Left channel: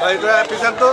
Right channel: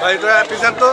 ভাই এটা পিছন তো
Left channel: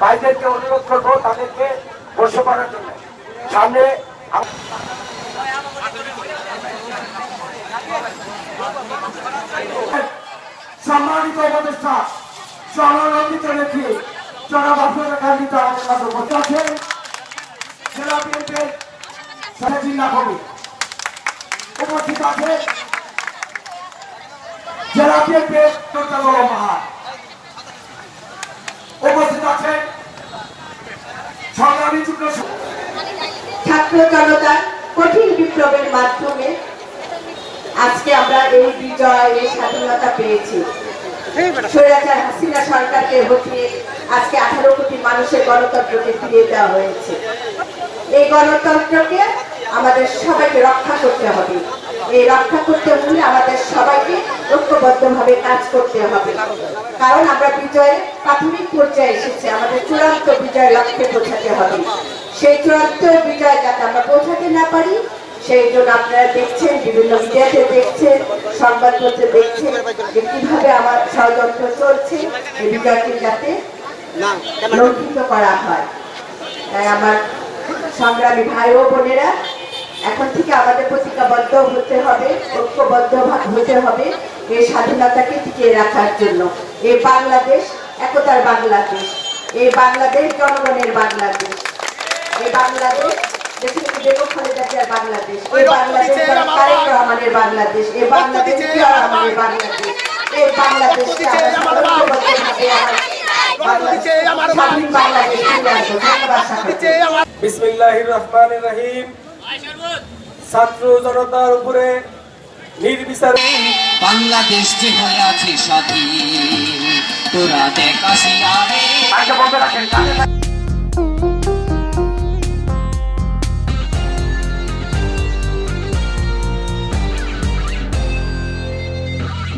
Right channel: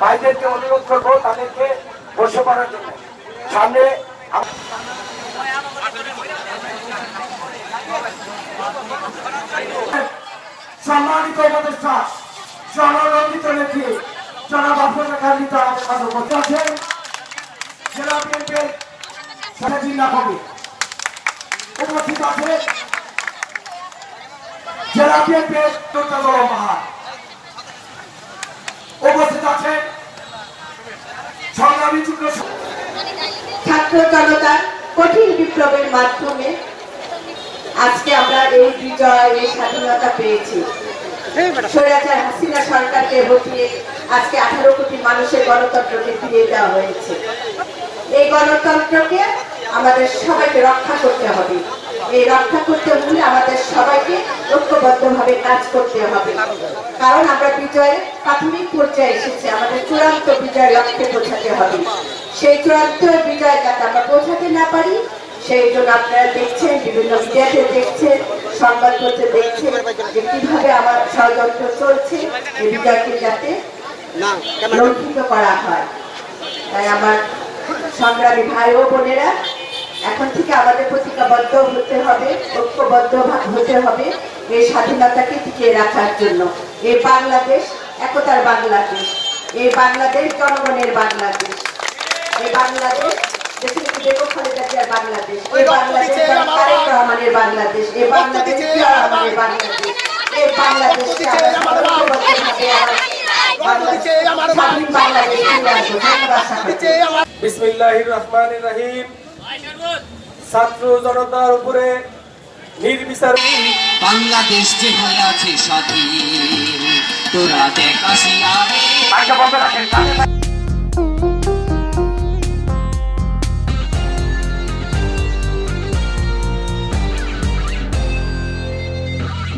ভাইদেরকে অনুরোধ করবো তাদেরকে বসে পড়ার জন্য। সামনে সম্মানিত উপদেষ্টা সহযোগিতা রেখে জনাব আফরোজা খালিদ আছেন জেলা বিএনপির জিল্লা কবি উপস্থিত আছে জেলা বিএনপির মহা উপস্থিত আছেন ছাত্র জনতার কঠিন বিপ্লবের মাধ্যমে আজকে আমরা এই বিজয় এই স্বাধীনতা পেয়েছি। স্বৈরাচার হাসিনা সরকারকে হটিয়ে আজকে 18 কোটি মানুষের গণতন্ত্রকে ফিরিয়ে দেওয়া হয়েছে। এই গণতন্ত্রকে আমাদের সবাইকে রক্ষা করতে হবে। এই রক্ষা করতে হলে আমাদের সবাইকে ঐক্যবদ্ধভাবে কাজ করতে হবে, কারণ আমরা বিজয়ের প্রাথমিক পর্যায়ে এসেছি। আমাদের চূড়ান্ত বিজয় লক্ষ্যে পৌঁছাতে হবে। সেই চূড়ান্ত বিজয় যাতে আমরা পৌঁছাতে না পারি সেই জন্য আপনারা দেখছেন, বিভিন্ন মিডিয়াতে দেখছেন, সংবাদপত্রে দেখছেন যে কিভাবে আমার ষড়যন্ত্র চলছে এই বিজয়কে যাতে লঙ্ঘিত করা হয়। তাই আমার সংগ্রামী ভাই ও বোনেরা, এখন থেকে আমাদের প্রতিজ্ঞাবদ্ধ হতে হবে, ঐক্যবদ্ধ হতে হবে এই স্বাধীনতাকে টিকিয়ে রাখার জন্য। এই বাংলাদেশ একতার বাংলাদেশ, এই বাংলাদেশ জনগণের বাংলাদেশ, এই বাংলাদেশ বাংলাদেশ, এই বাংলাদেশ তারেক রহমানের বাংলাদেশ, এই বাংলাদেশ জিয়া রহমানের বাংলাদেশ, এই বাংলাদেশকে বিসমিল্লাহির রহমানির রহিম। ছাত্র জনতার উপরে নির্বিচারে বাংলাদেশ যে হয়ে আছে স্বাধীন, তোরা দেখ আসিয়া